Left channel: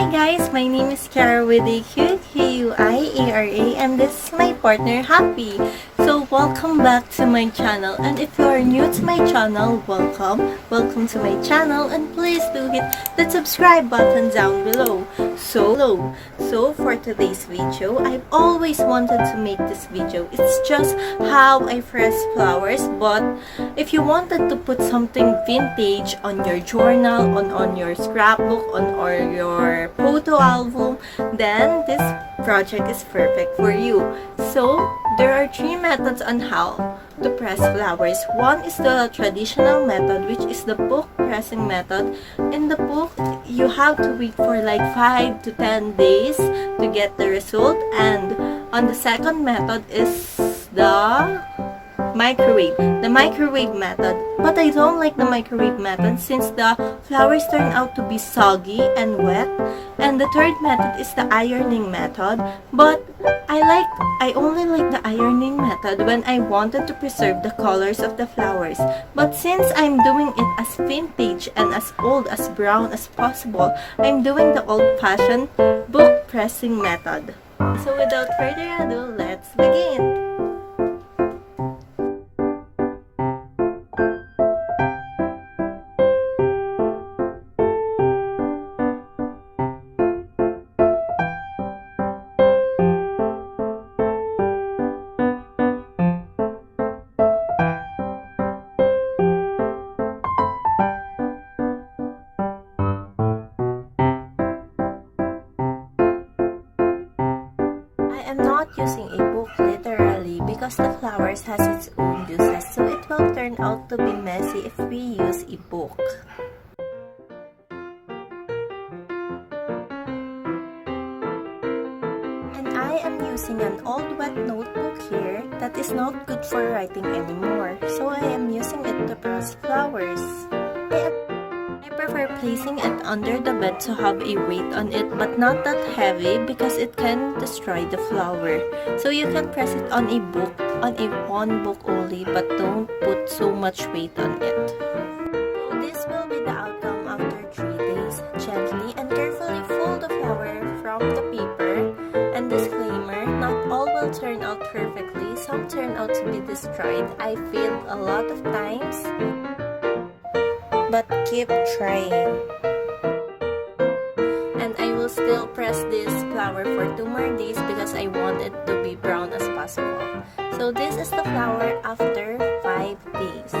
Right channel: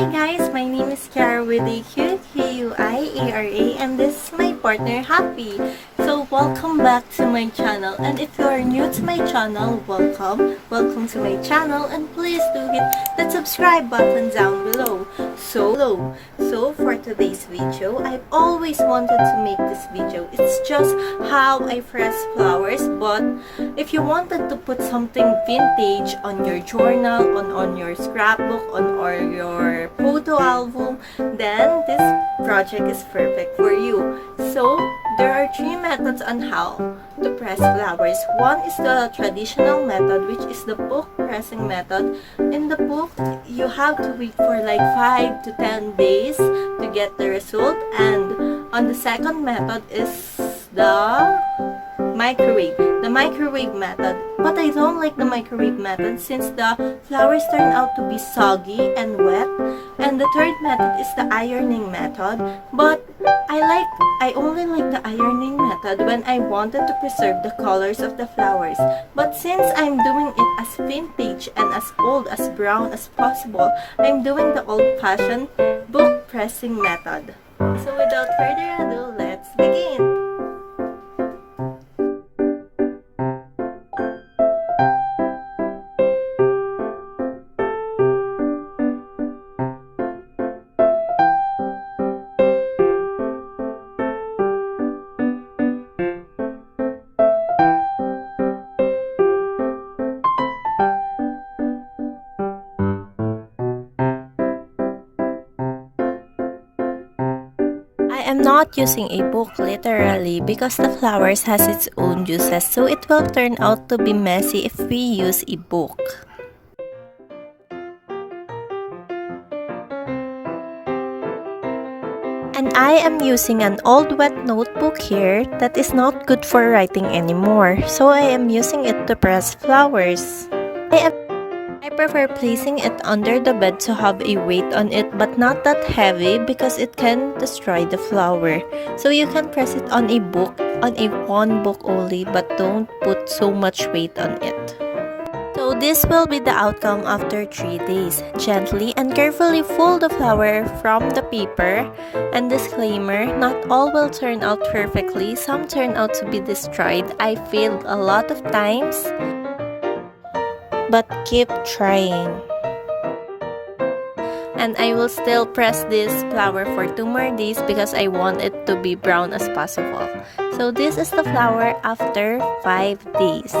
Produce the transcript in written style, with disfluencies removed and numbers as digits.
Hi guys, my name is Kara with a QQIARA and this is my partner Happy. So welcome back to my channel, and if you are new to my channel, welcome to my channel, and please do hit the subscribe button down below. So for today's video, I've always wanted to make this video. It's just how I press flowers, but if you wanted to put something vintage on your journal, on your scrapbook, or your photo album, then this project is perfect for you. So there are three methods on how to press flowers. One is the traditional method, which is the book pressing method. In the book, you have to wait for like 5 to 10 days to get the result. And on the second method is the microwave method. But I don't like the microwave method since the flowers turn out to be soggy and wet. And the third method is the ironing method, but I only like the ironing method when I wanted to preserve the colors of the flowers. But since I'm doing it as vintage and as old, as brown as possible, I'm doing the old-fashioned book pressing method. So without further ado, let's begin! I am not using a book literally because the flowers has its own juices, so it will turn out to be messy if we use a book. And I am using an old wet notebook here that is not good for writing anymore, so I am using it to press flowers. I prefer placing it under the bed to have a weight on it, but not that heavy because it can destroy the flower. So you can press it on a book, on a one book only, but don't put so much weight on it. So this will be the outcome after 3 days. Gently and carefully fold the flower from the paper. And disclaimer, not all will turn out perfectly. Some turn out to be destroyed. I failed a lot of times, but keep trying. And I will still press this flower for 2 more days because I want it to be brown as possible. So this is the flower after 5 days.